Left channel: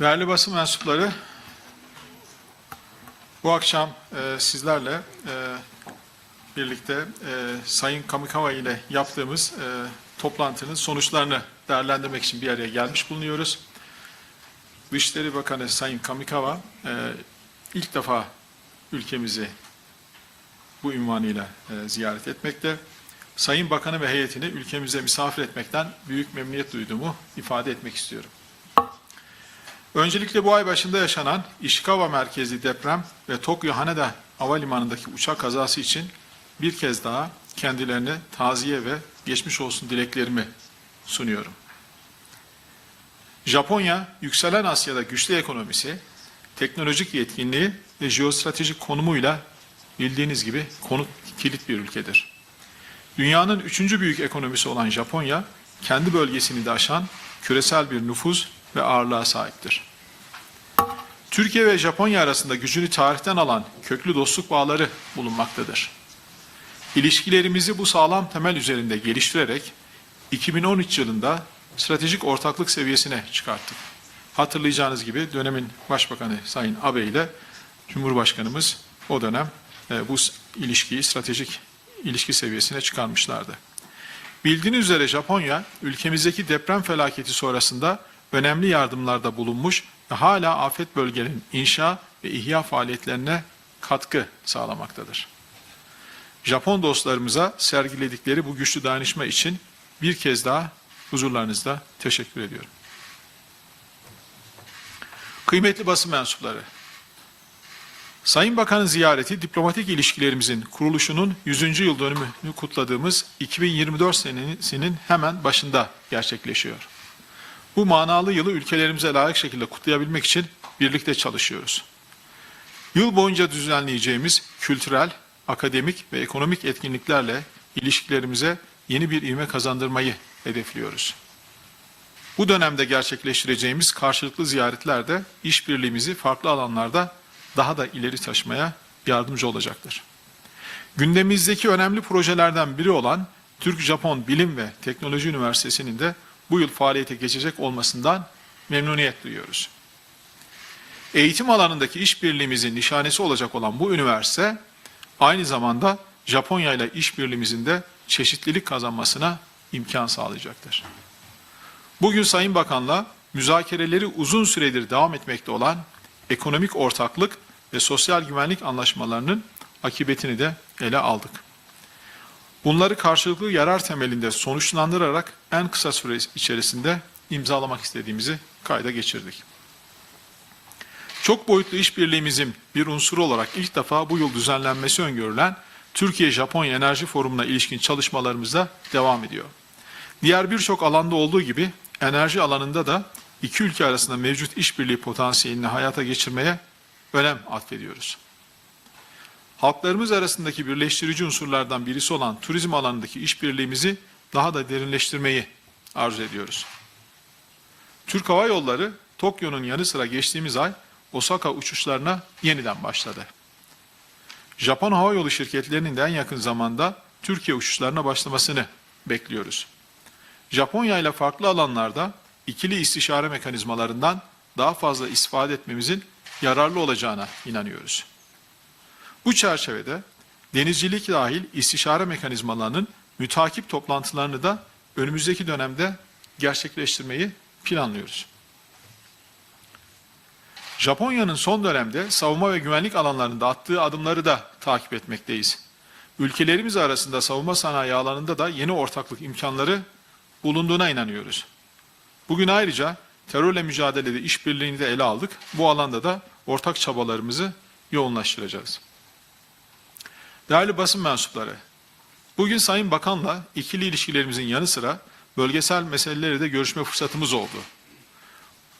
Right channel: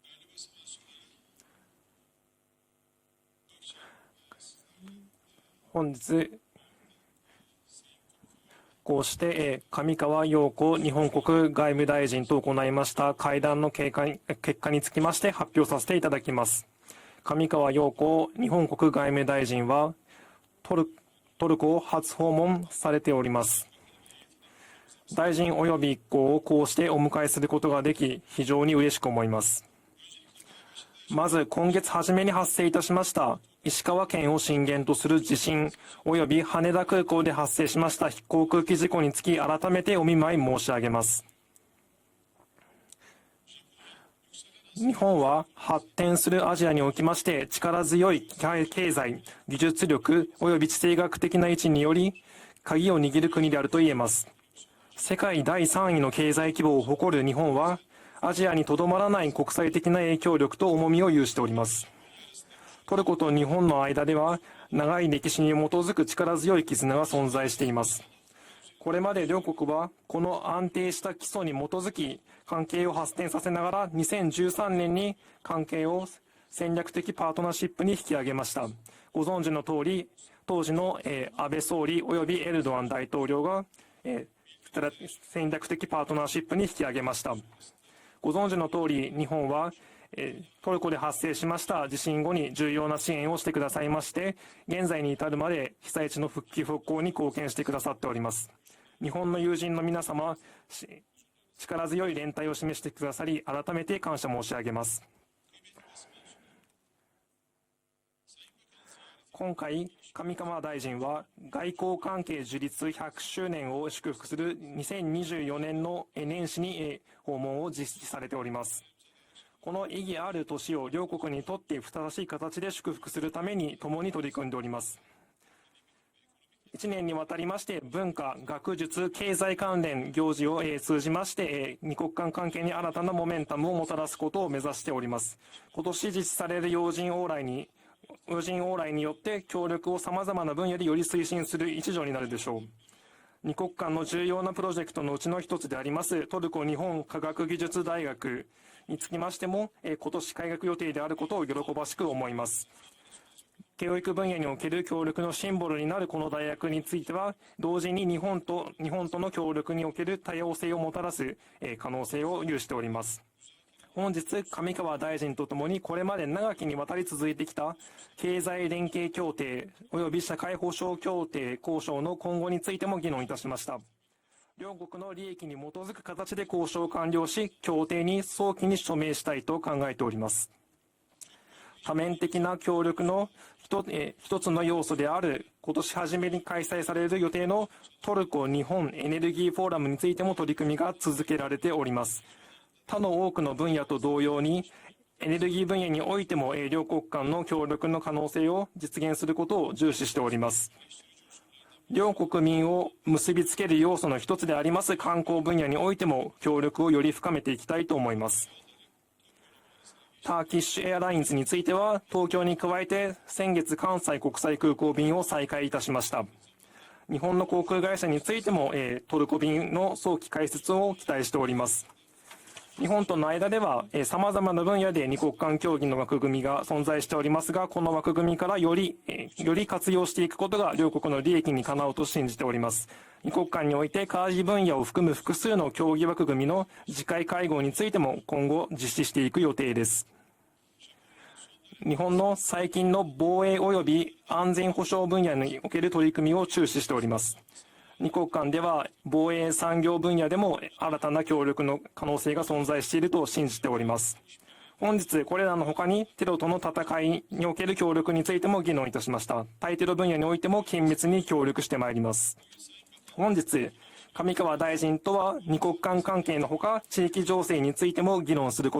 Değerli basın mensupları, bu akşam e, sizlerle e, birlikte e, Sayın Kamikawa ile yaptığımız e, e toplantının sonuçlarını değerlendirmek için bir yere gelmiş bulunuyoruz. Dışişleri Bakanı Sayın Kamikawa e, ilk defa ülkemizi bu ünvanıyla e, ziyaret etmekte. Sayın Bakanı ve heyetini ülkemize misafir etmekten büyük memnuniyet duyduğumu ifade etmek istiyorum. Öncelikle bu ay başında yaşanan Ishikawa merkezi deprem ve Tokyo Haneda Havalimanı'ndaki uçak kazası için bir kez daha kendilerine taziye ve geçmiş olsun dileklerimi sunuyorum. Japonya, yükselen Asya'da güçlü ekonomisi, teknolojik yetkinliği ve jeostratejik konumuyla bildiğiniz gibi konum kilit bir. Dünyanın üçüncü büyük ekonomisi olan Japonya, kendi bölgesini de aşan küresel bir nüfus ve ağırlığa sahiptir. Türkiye ve Japonya arasında gücünü tarihten alan köklü dostluk bağları bulunmaktadır. İlişkilerimizi bu sağlam temel üzerinde geliştirerek 2013 yılında stratejik ortaklık seviyesine çıkarttık. Hatırlayacağınız gibi dönemin Başbakanı Sayın Abe ile Cumhurbaşkanımız o dönem e, bu ilişkiyi stratejik ilişki seviyesine çıkarmışlardı. Bildiğiniz üzere Japonya ülkemizdeki deprem felaketi sonrasında önemli yardımlarda bulunmuş ve hala afet bölgelerinin inşa ve ihya faaliyetlerine katkı sağlamaktadır. Japon dostlarımıza sergiledikleri bu güçlü dayanışma için bir kez daha huzurlarınızda teşekkür ediyorum. Kıymetli basın mensupları, Sayın Bakan'ın ziyareti diplomatik ilişkilerimizin kuruluşunun 100. yıl dönümünü kutladığımız 2024 senesinin hemen başında gerçekleşiyor. Bu manalı yılı ülkelerimize layık şekilde kutlayabilmek için birlikte çalışıyoruz. Yıl boyunca düzenleyeceğimiz kültürel, akademik ve ekonomik etkinliklerle ilişkilerimize yeni bir ivme kazandırmayı hedefliyoruz. Bu dönemde gerçekleştireceğimiz karşılıklı ziyaretler de işbirliğimizi farklı alanlarda daha da ileri taşımaya yardımcı olacaktır. Gündemimizdeki önemli projelerden biri olan Türk-Japon Bilim ve Teknoloji Üniversitesi'nin de bu yıl faaliyete geçecek olmasından memnuniyet duyuyoruz. Eğitim alanındaki işbirliğimizin nişanesi olacak olan bu üniversite aynı zamanda Japonya ile işbirliğimizin de çeşitlilik kazanmasına imkan sağlayacaktır. Bugün Sayın Bakan'la müzakereleri uzun süredir devam etmekte olan ekonomik ortaklık ve sosyal güvenlik anlaşmalarının akıbetini de ele aldık. Bunları karşılıklı yarar temelinde sonuçlandırarak en kısa süre içerisinde imzalamak istediğimizi kayda geçirdik. Çok boyutlu işbirliğimizin bir unsuru olarak ilk defa bu yıl düzenlenmesi öngörülen Türkiye-Japonya Enerji Forumu'na ilişkin çalışmalarımıza devam ediyor. Diğer birçok alanda olduğu gibi enerji alanında da iki ülke arasında mevcut işbirliği potansiyelini hayata geçirmeye önem atfediyoruz. Halklarımız arasındaki birleştirici unsurlardan birisi olan turizm alanındaki işbirliğimizi daha da derinleştirmeyi arzu ediyoruz. Türk Hava Yolları Tokyo'nun yanı sıra geçtiğimiz ay Osaka uçuşlarına yeniden başladı. Japon havayolu şirketlerinin de en yakın zamanda Türkiye uçuşlarına başlamasını bekliyoruz. Japonya ile farklı alanlarda ikili istişare mekanizmalarından daha fazla istifade etmemizin yararlı olacağına inanıyoruz. Bu çerçevede denizcilik dahil istişare mekanizmalarının mütakip toplantılarını da önümüzdeki dönemde gerçekleştirmeyi planlıyoruz. Japonya'nın son dönemde savunma ve güvenlik alanlarında attığı adımları da takip etmekteyiz. Ülkelerimiz arasında savunma sanayi alanında da yeni ortaklık imkanları bulunduğuna inanıyoruz. Bugün ayrıca terörle mücadelede işbirliğini de ele aldık. Bu alanda da ortak çabalarımızı yoğunlaştıracağız. Değerli basın mensupları, bugün Sayın Bakan'la ikili ilişkilerimizin yanı sıra bölgesel meseleleri de görüşme fırsatımız oldu.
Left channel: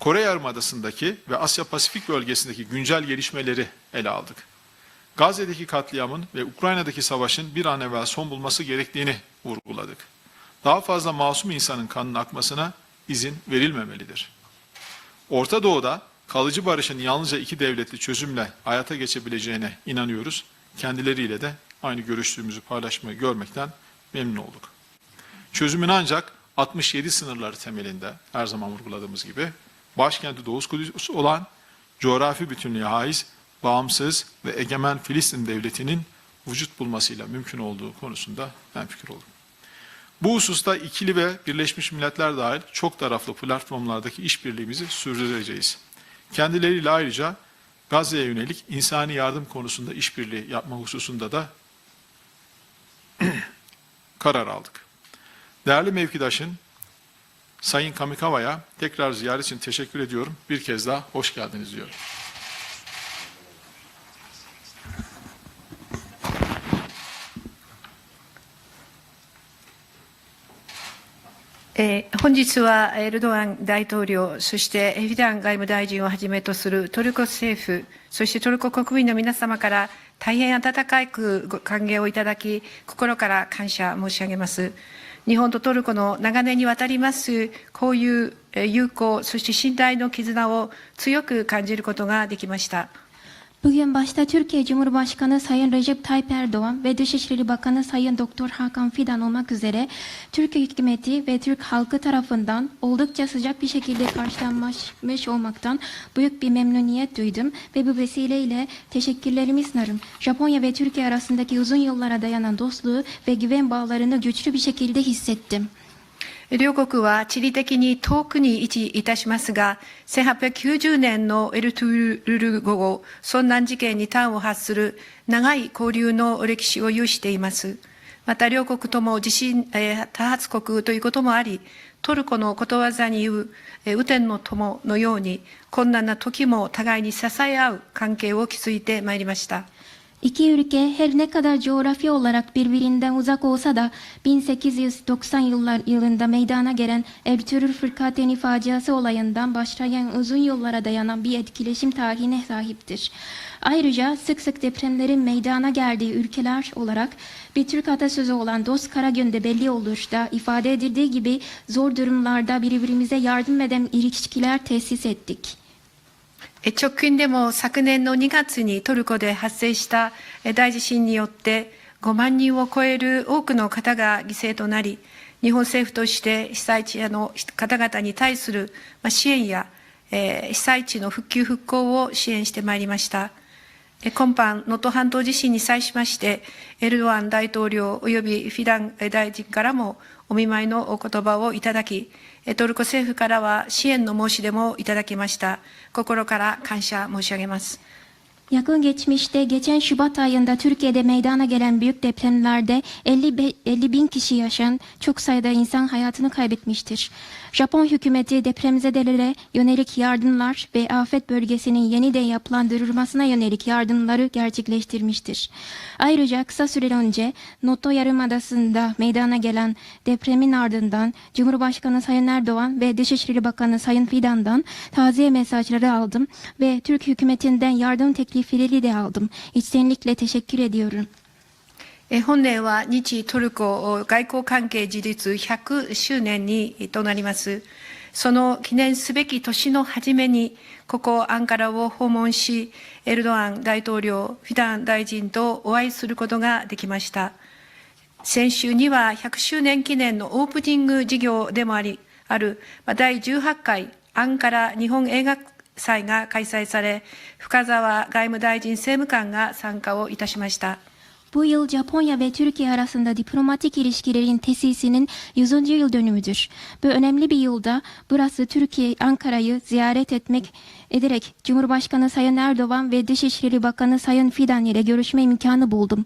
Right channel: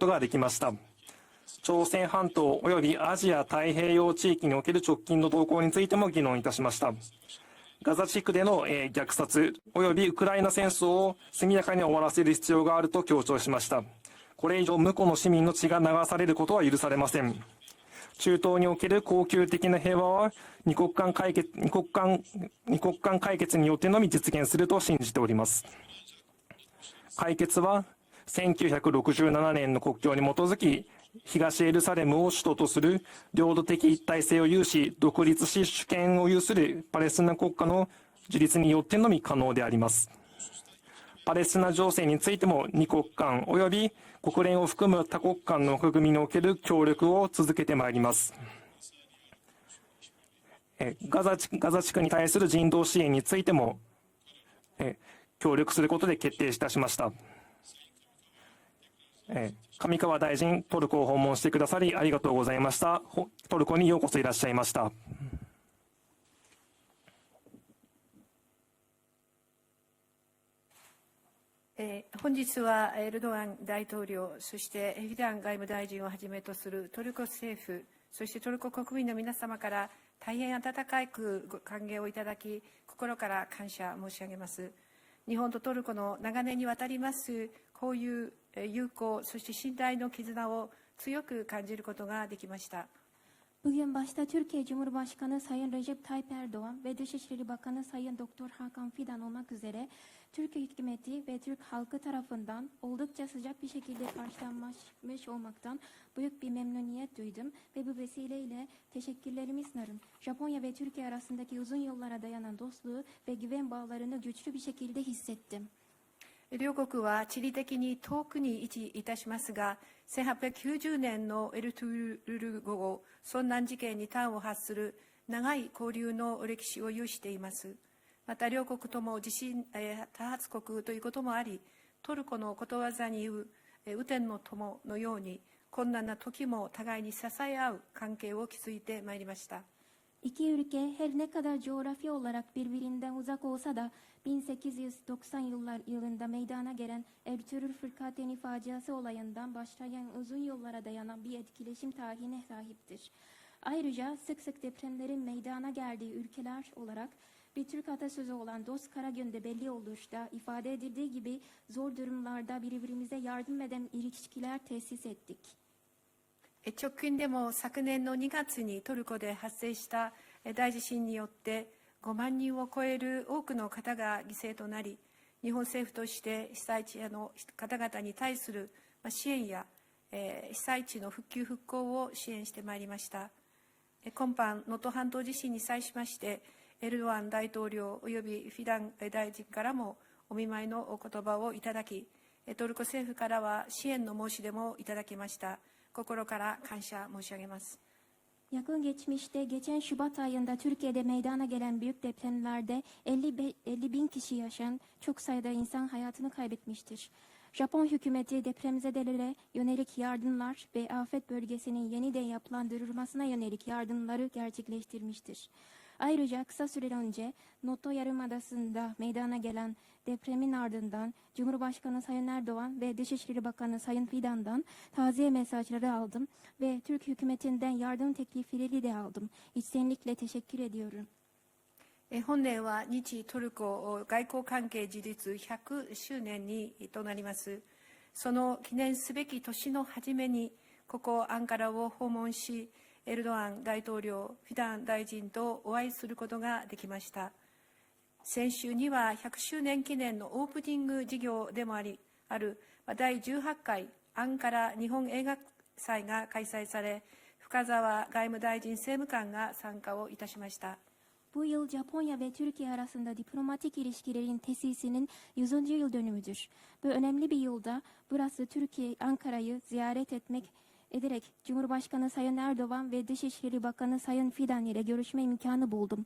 Kore Yarımadası'ndaki ve Asya Pasifik bölgesindeki güncel gelişmeleri ele aldık. Gazze'deki katliamın ve Ukrayna'daki savaşın bir an evvel son bulması gerektiğini vurguladık. Daha fazla masum insanın kanının akmasına izin verilmemelidir. Orta Doğu'da kalıcı barışın yalnızca iki devletli çözümle hayata geçebileceğine inanıyoruz. Kendileriyle de aynı görüştüğümüzü paylaşmayı görmekten memnun olduk. Çözümün ancak 67 sınırları temelinde her zaman uyguladığımız gibi başkenti Doğu Kudüs olan coğrafi bütünlüğe ait bağımsız ve egemen Filistin devletinin vücut bulmasıyla mümkün olduğu konusunda yani, Bu hususta ikili ve Birleşmiş Milletler dahil çok taraflı platformlardaki işbirliğimizi sürdüreceğiz. Kendileriyle ayrıca Gazze'ye yönelik insani yardım konusunda işbirliği yapma hususunda da karar aldık. え協力することで決定いたしました。Sayın Kamikawa'ya tekrar ziyaret için teşekkür 上川 ediyorum. 大臣、Bir トル kez コ daha hoş geldiniz. さ diyorum. りありがとうございました。おトルコにようこそいらっしゃいました。えー本日はエルドアン大統領、そしてフィダン外務大臣をはじめとするトルコ政府、そしてトルコ国民の皆様から大変温かくご歓迎をいただき、心から感謝申し上げます。日本とトルコの長年にわたります交友、え友好、そして信頼の絆を強く感じることができました。Bugün başta Türkiye Cumhurbaşkanı Sayın Recep Tayyip Erdoğan ve Dışişleri Bakanı Sayın Doktor Hakan Fidan olmak üzere Türkiye hükümeti ve Türk halkı tarafından oldukça sıcak bir şekilde karşılanmış olmaktan büyük bir memnuniyet duydum ve bu vesileyle teşekkürlerimi sunarım. Japonya ve Türkiye arasındaki uzun yıllara dayanan dostluğu ve güven bağlarını güçlü bir şekilde hissettim. 両国は地理的に遠くに位置いたしますが、1890年のエルトゥールル語後、遭難事件に端を発する長い交流の歴史を有しています。また両国とも地震、えー多発国ということもあり、トルコのことわざに言う、えー雨天の友のように、困難な時も互いに支え合う関係を築いてまいりました。İki ülke her ne kadar coğrafi olarak birbirinden uzak olsa da 1890 yıllar yılında meydana gelen Ertuğrul Fırkateni faciası olayından başlayan uzun yıllara dayanan bir etkileşim tarihine sahiptir. Ayrıca sık sık depremlerin meydana geldiği ülkeler olarak bir Türk atasözü olan dost kara günde belli olur da ifade edildiği gibi zor durumlarda birbirimize yardım eden ilişkiler tesis ettik. 直近でも昨年の2月にトルコで発生した大地震によって5万人を超える多くの方が犠牲となり日本政府として被災地の方々に対する支援や被災地の復旧復興を支援してまいりました。今般能登半島地震に際しましてエルドアン大統領及びフィダン大臣からもお見舞いのお言葉をいただきトルコ政府からは支援の申し出もいただきました。心から感謝申し上げます。Yakın geçmişte geçen Şubat ayında Türkiye'de meydana gelen büyük depremlerde 50, be- 50 bin kişi yaşayan çok sayıda insan hayatını kaybetmiştir. Japon hükümeti depremzedelere yönelik yardımlar ve afet bölgesinin yeniden yapılandırılmasına yönelik yardımları gerçekleştirmiştir. Ayrıca kısa süre önce Noto Yarımadası'nda meydana gelen depremin ardından Cumhurbaşkanı Sayın Erdoğan ve Dışişleri Bakanı Sayın Fidan'dan taziye mesajları aldım ve Türk hükümetinden yardım teklifleri de aldım. İçtenlikle teşekkür ediyorum. え本年は日トルコ外交関係樹立100周年にとなりますその記念すべき年の初めにここアンカラを訪問しエルドアン大統領フィダン大臣とお会いすることができました先週には100周年記念のオープニング事業でもありあるまあ第18回アンカラ日本映画祭が開催され深沢外務大臣政務官が参加をいたしました。Bu yıl Japonya ve Türkiye arasında diplomatik ilişkilerin tesisinin 100. yıl dönümüdür. Bu önemli bir yılda burası Türkiye, Ankara'yı ziyaret etmek ederek Cumhurbaşkanı Sayın Erdoğan ve Dışişleri Bakanı Sayın Fidan ile görüşme imkanı buldum.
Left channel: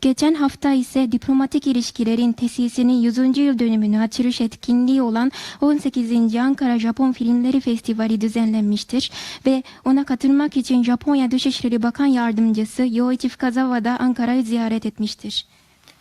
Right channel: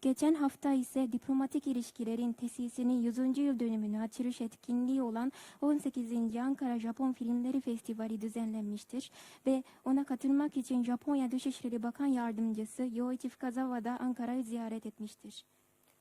Geçen hafta ise diplomatik ilişkilerin tesisinin 100. yıl dönümünü açılış etkinliği olan 18. Ankara Japon Filmleri Festivali düzenlenmiştir ve ona katılmak için Japonya Dışişleri Bakan Yardımcısı Yoichi Fukazawa da Ankara'yı ziyaret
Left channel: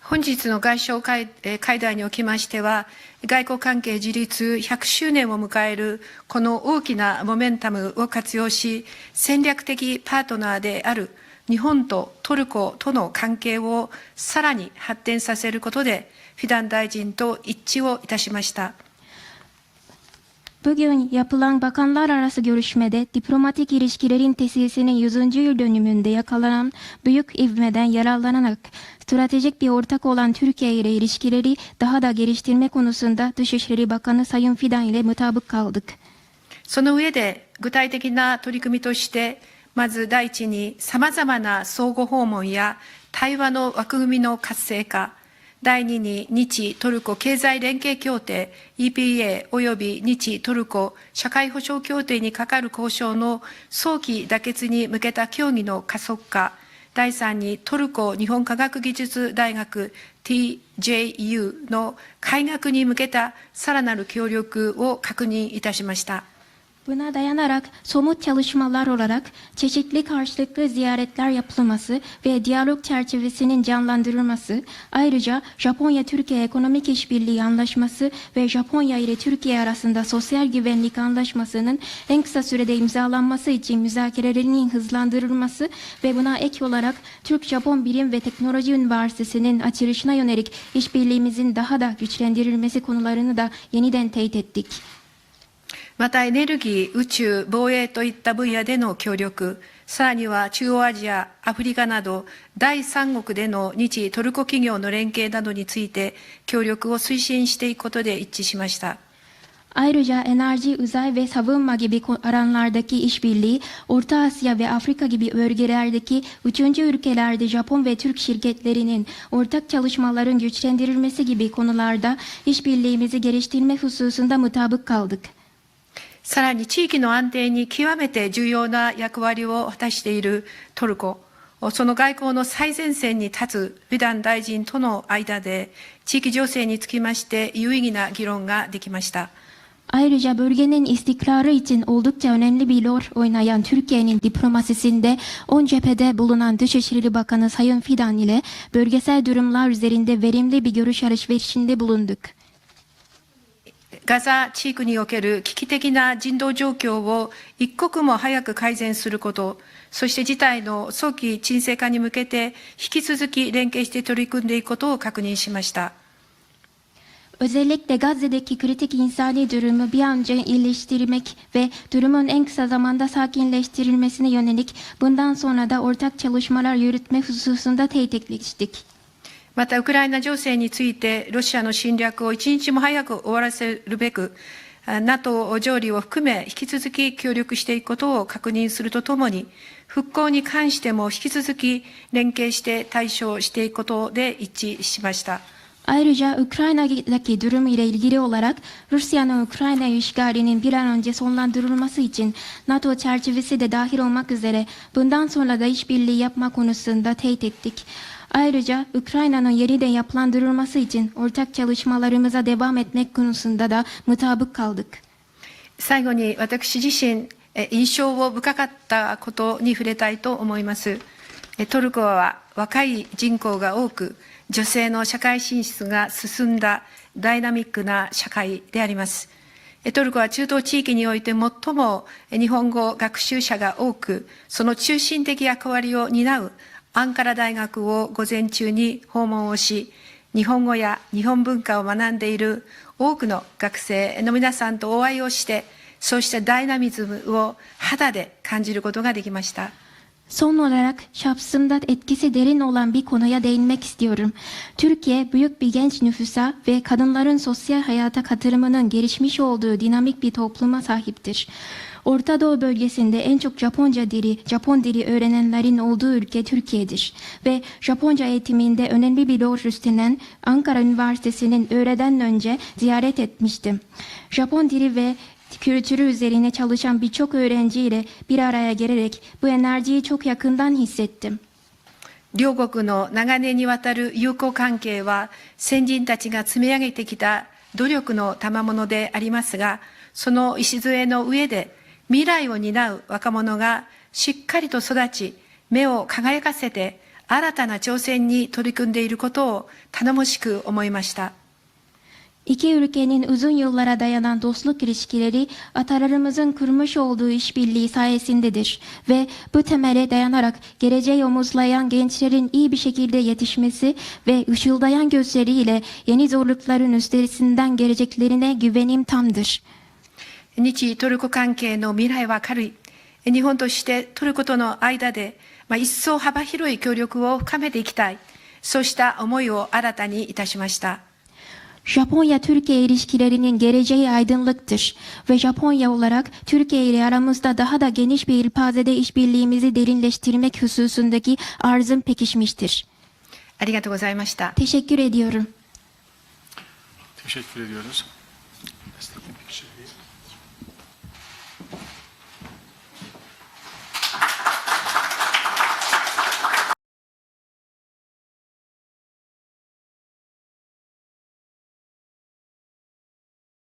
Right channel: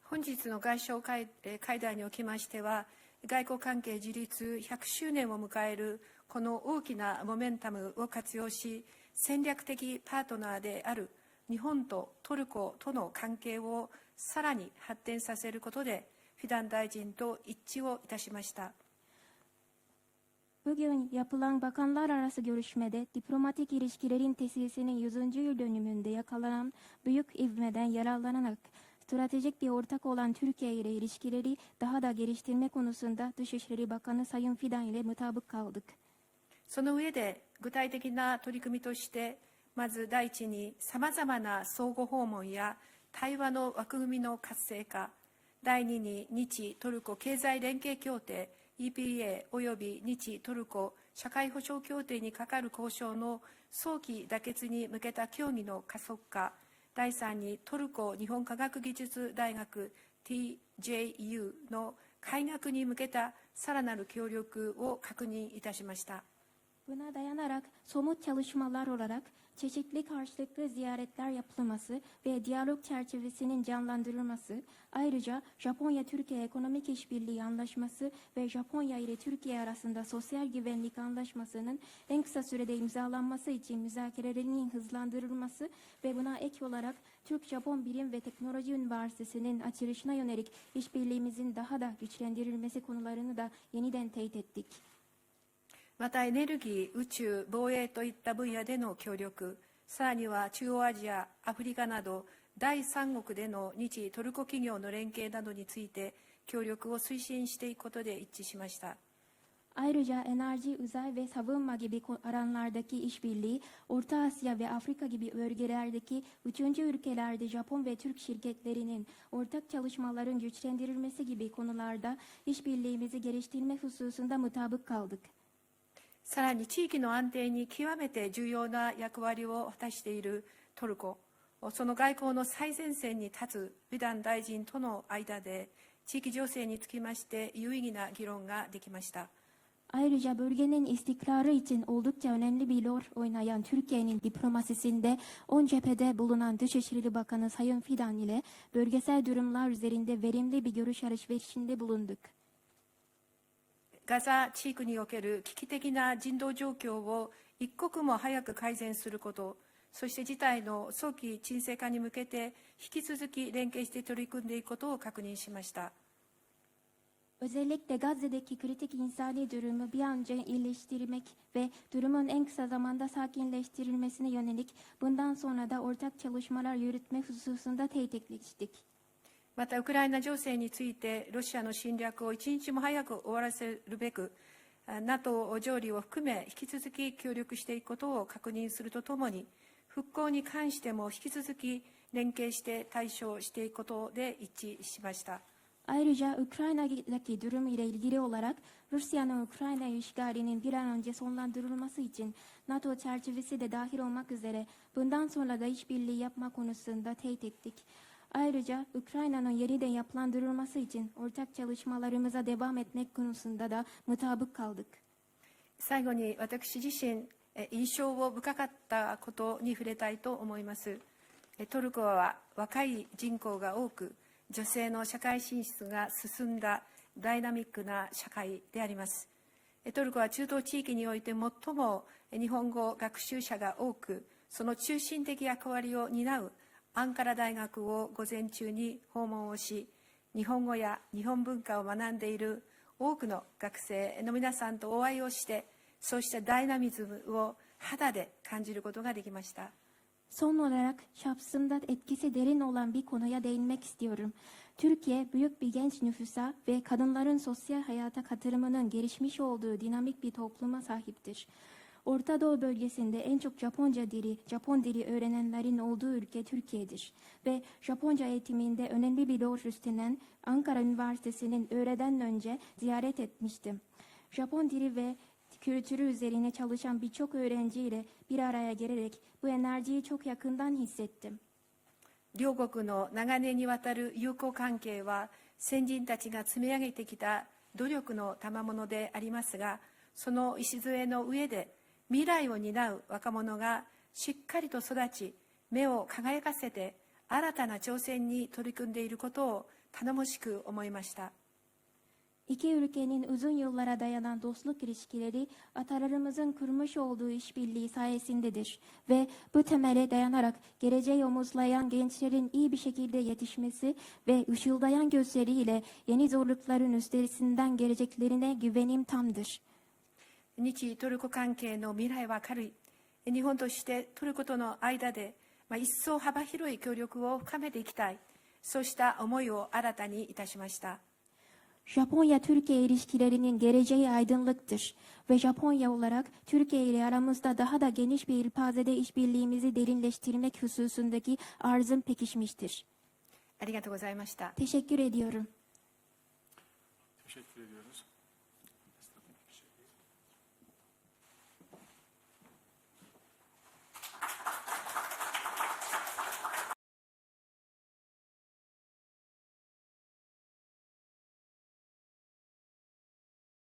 本日の外相会会談におきましては外交関係樹立100周年を迎えるこの大きなモメンタムを活用し戦略的パートナーである日本とトルコとの関係をさらに発展させることでフィダン大臣と一致をいたしました Bugün yapılan bakanlar arası görüşmede diplomatik ilişkilerin tesisinin 100. yıl dönümünde yakalanan büyük ivmeden yararlanarak stratejik bir ortak olan Türkiye ile ilişkileri daha da geliştirme konusunda Dışişleri Bakanı Sayın Fidan ile mutabık kaldık. その上で具体的な取り組みとしてまず第一にさまざまな相互訪問や対話の枠組みの活性化 第二に日トルコ経済連携協定 EPA および日トルコ社会保障協定にかかる交渉の早期妥結に向けた協議の加速化第3にトルコ日本科学技術大学 TJU の開学に向けたさらなる協力を確認いたしました。Buna dayanarak somut çalışmalar olarak çeşitli karşılıklı ziyaretler yapılması ve diyalog çerçevesinin canlandırılması, ayrıca Japonya-Türkiye Ekonomik İşbirliği Anlaşması ve Japonya ile Türkiye arasında sosyal güvenlik anlaşmasının en kısa sürede imzalanması için müzakerelerinin hızlandırılması ve buna ek olarak Türk-Japon Bilim ve Teknoloji Üniversitesi'nin açılışına yönelik işbirliğimizin daha da güçlendirilmesi konularını da yeniden teyit ettik. またエネルギー、宇宙、防衛といった分野での協力、さらには中央アジア、アフリカなど第三国での日トルコ企業の連携などについて協力を推進していくことで一致しました。Ayrıca enerji, uzay ve savunma gibi alanlardaki işbirliği, Orta Asya ve Afrika gibi bölgelerdeki üçüncü ülkelerde Japon ve Türk şirketlerinin ortak çalışmaların güçlendirilmesi gibi konularda işbirliğimizi geliştirme hususunda mutabık kaldık. さらに地域の安定に極めて重要な役割を果たしているトルコ、その外交の最前線に立つビダン大臣との間で、地域情勢につきまして有意義な議論ができました。Ayrıca bölgenin istikrarı için oldukça önemli bir rol oynayan Türkiye'nin diplomasisinde on cephede bulunan Dışişleri Bakanı Sayın Fidan ile bölgesel durumlar üzerinde verimli bir görüş alışverişinde bulunduk. ガザ地域における危機的な人道状況を一刻も早く改善すること、そして事態の早期沈静化に向けて引き続き連携して取り組んでいくことを確認しました。Özellikle Gazze'deki kritik insani durumu bir an önce iyileştirmek ve durumun en kısa zamanda sakinleştirilmesine yönelik bundan sonra da ortak çalışmalar yürütme hususunda teyit etmiştik. またウクライナ情勢についてロシアの侵略を一日も早く終わらせるべく NATO 上理を含め引き続き協力していくことを確認するとともに復興に関しても引き続き連携して対処していくことで一致しました。Ayrıca Ukrayna'daki durum ile ilgili olarak Rusya'nın Ukrayna işgalinin bir an önce sonlandırılması için NATO çerçevesi de dahil olmak üzere bundan sonra da işbirliği yapma konusunda teyit ettik. Ayrıca Ukrayna'nın yeniden yapılandırılması için ortak çalışmalarımıza devam etmek konusunda da mutabık kaldık. 最後に私自身印象を深かったことに触れたいと思いますトルコは若い人口が多く女性の社会進出が進んだダイナミックな社会でありますトルコは中東地域において最も日本語学習者が多くその中心的役割を担うアンカラ大学を午前中に訪問をし日本語や日本文化を学んでいる多くの学生の皆さんとお会いをしてそうしたダイナミズムを肌で感じることができました Son olarak şahsımda etkisi derin olan bir konuya değinmek istiyorum. Türkiye büyük bir genç nüfusa ve kadınların sosyal hayata katılımının gelişmiş olduğu dinamik bir topluma sahiptir. Orta Doğu bölgesinde en çok Japonca dili, Japon dili öğrenenlerin olduğu ülke Türkiye'dir. Ve Japonca eğitiminde önemli bir rol üstlenen Ankara Üniversitesi'nin öğreden önce ziyaret etmiştim. Japon dili ve kültürü üzerine çalışan birçok öğrenciyle bir araya gelerek bu enerjiyi çok yakından hissettim. 両国の長年にわたる友好関係は先人たちが積み上げてきた努力の賜物でありますがその礎の上で 未来を担う若者がしっかりと育ち目を輝かせて新たな挑戦に取り組んでいることを頼もしく思いました。 İki ülkenin uzun yıllara dayanan dostluk ilişkileri atalarımızın kurmuş olduğu işbirliği sayesindedir ve bu temele dayanarak geleceği omuzlayan gençlerin iyi bir şekilde yetişmesi ve ışıldayan gözleriyle yeni zorlukların üstesinden geleceklerine güvenim tamdır. 日トルコ関係の未来は明るい。日本としてトルコとの間で、まあ、一層幅広い協力を深めていきたい。そうした思いを新たにいたしました。Japonya-Türkiye ilişkilerinin geleceği aydınlıktır ve Japonya olarak Türkiye ile aramızda daha da geniş bir ilpazede işbirliğimizi derinleştirmek hususundaki arzım pekişmiştir. ありがとうございました。Teşekkür ediyorum. Teşekkür ediyoruz.